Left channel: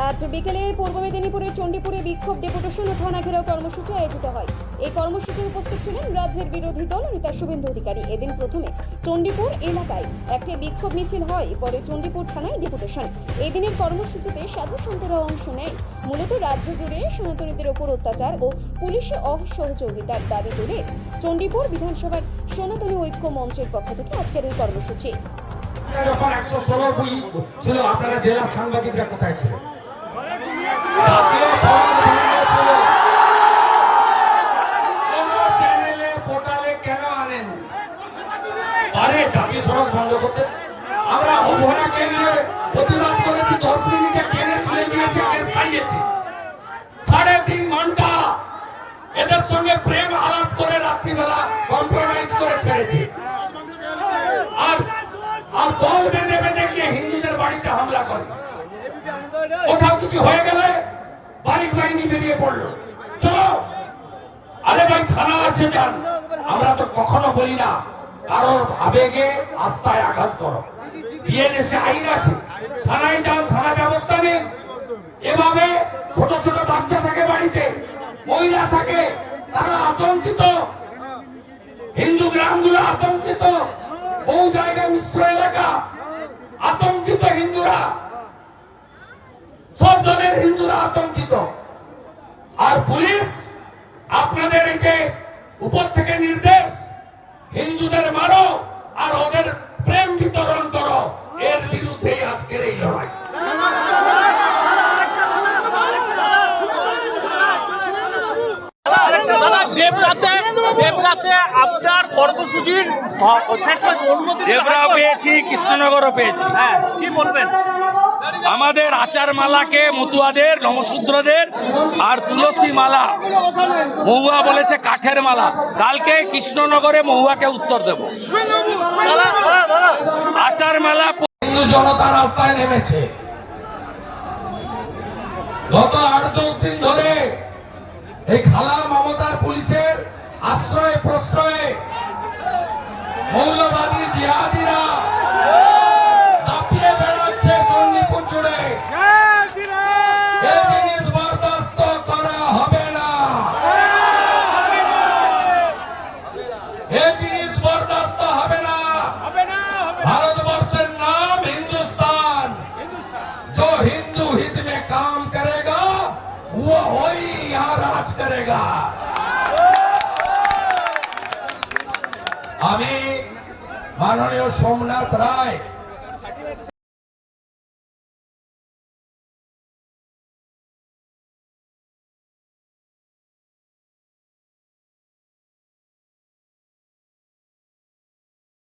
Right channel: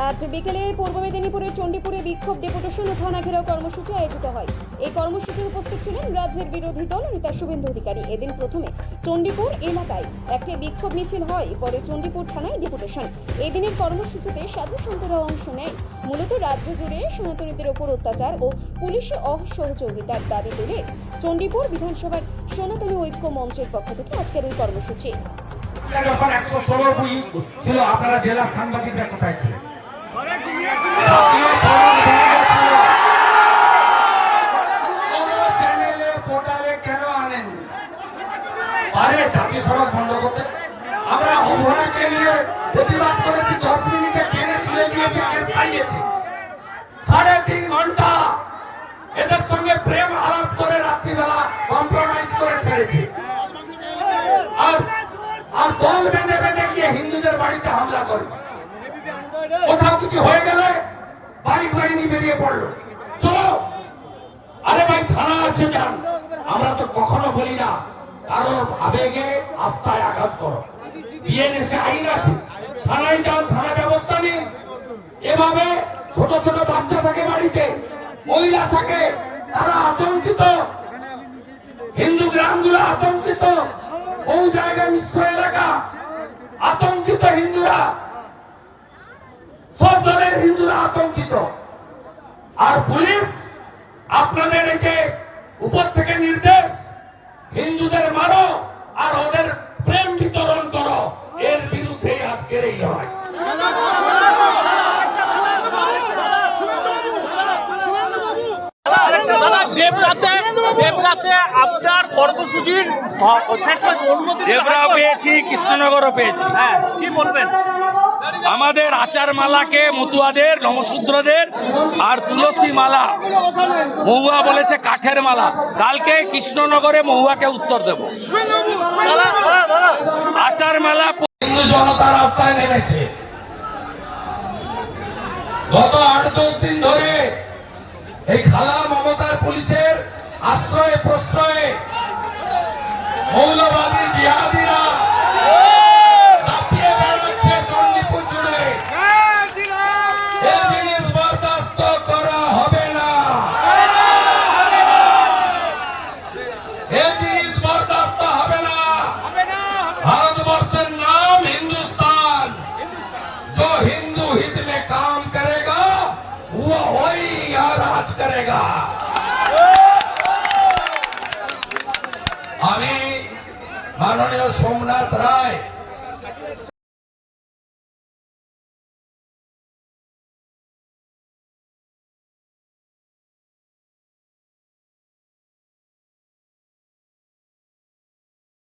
আজ বিকেলে পূর্ব মেদিনীপুরের চণ্ডীপুরে বিক্ষোভ ডেপুটেশন ও থানা ঘেরাও কর্মসূচি আয়োজিত হয়। এই কর্মসূচিতে উপস্থিত ছিলেন রাজ্যের বিরোধী দল নেতা শুভেন্দু অধিকারী। এদিন প্রথমে চণ্ডীপুর এলাকায় একটি বিক্ষোভ মিছিল হয়, পরে চণ্ডীপুর থানায় ডেপুটেশন। এই দিনের কর্মসূচিতে সাধু সন্তরা অংশ নেয়। মূলত রাজ্য জুড়ে সনাতনীদের ওপর অত্যাচার ও পুলিশে অসহযোগিতার দাবি তুলে চণ্ডীপুর বিধানসভার সনাতনী ঐক্য মঞ্চের পক্ষ থেকে আজকের ওই কর্মসূচি। যখন 116 বই ছিল, আপনারা জেলার সাংবাদিকরা কোথায় ছিলেন? জাতীয় সড়ক বন্ধ ছিল, কোন চ্যানেলে পোর্টালে কেন আনেন? আরে জাতীয় সড়ক বন্ধ করতে আমরা অভনাকে নিয়ে প্রতিবাদ করেছি, 10 মিনিটে টেনে তুলে দিয়েছে, কেস খাইয়েছে। 3.5 ঘন্টা এদের সঙ্গে প্রেম আলাপ করে রাত্রিবেলা কম্প্রোমাইজ করে ছেড়েছে। আর দল বেঁধে বেঁধে গিয়ে হিন্দুদের বাড়িতে হামলা করে। কোথাও কিছু হয়ে গেলে বাইক বাহিনী বেরিয়ে পড়লো, চলো। আরে ভাই, থানা আছে, যান। আমরা তো কখনো বলি না কারোর আবেগে আস্থায় আঘাত করো। বিএনএসএ আইন আছে, থানায় যান, থানা ব্যবস্থা নিন। এভাবে ছোট ছোট বাচ্চা থাকে বাড়িতে, মহিলা থাকে, তারা আতঙ্কিত। হিন্দু গ্রামগুলো আতঙ্কিত, বহু জায়গায় মিশ্র এলাকা, আতঙ্কিত হিন্দুরা, সব ধরনের হিন্দুরা আতঙ্কিত। আর পুলিশ আপনাদের এই যে উপর থেকে নির্দেশ, হিন্দুদের মারো আর ওদের প্রেম বিতরণ করো, এর বিরুদ্ধে আজকের এই লড়াই। আপনার কর্মসূচির দেবরা পেয়েছি, কৃষ্ণনগরও পেয়েছি। কি বলবেন? আমাদের আচার মালাকে মতুয়াদের, নমশূদ্রদের আর তুলসী মালা, মহুয়া বলেছে কাঠের মালা। কালকে কৃষ্ণনগরে মহুয়াকে উত্তর দেব। আচার মালা হিন্দু জনতা রাস্তায় নেমেছে। গত 8-10 দিন ধরে এই খালা মমতার পুলিশের আশ্রয়ে প্রশ্রয়ে মৌলবাদী জিহাদিরা দাপিয়ে বেড়াচ্ছে চণ্ডীপুর জুড়ে। এই জিনিস বরদাস্ত করা হবে না, এই জিনিস বরদাস্ত হবে না। भारतवर्ष नाम हिंदुस्तान, जो हिंदू हित में काम करेगा वो वही यहाँ राज करेगा। আমি মাননীয় সোমনাথ রায়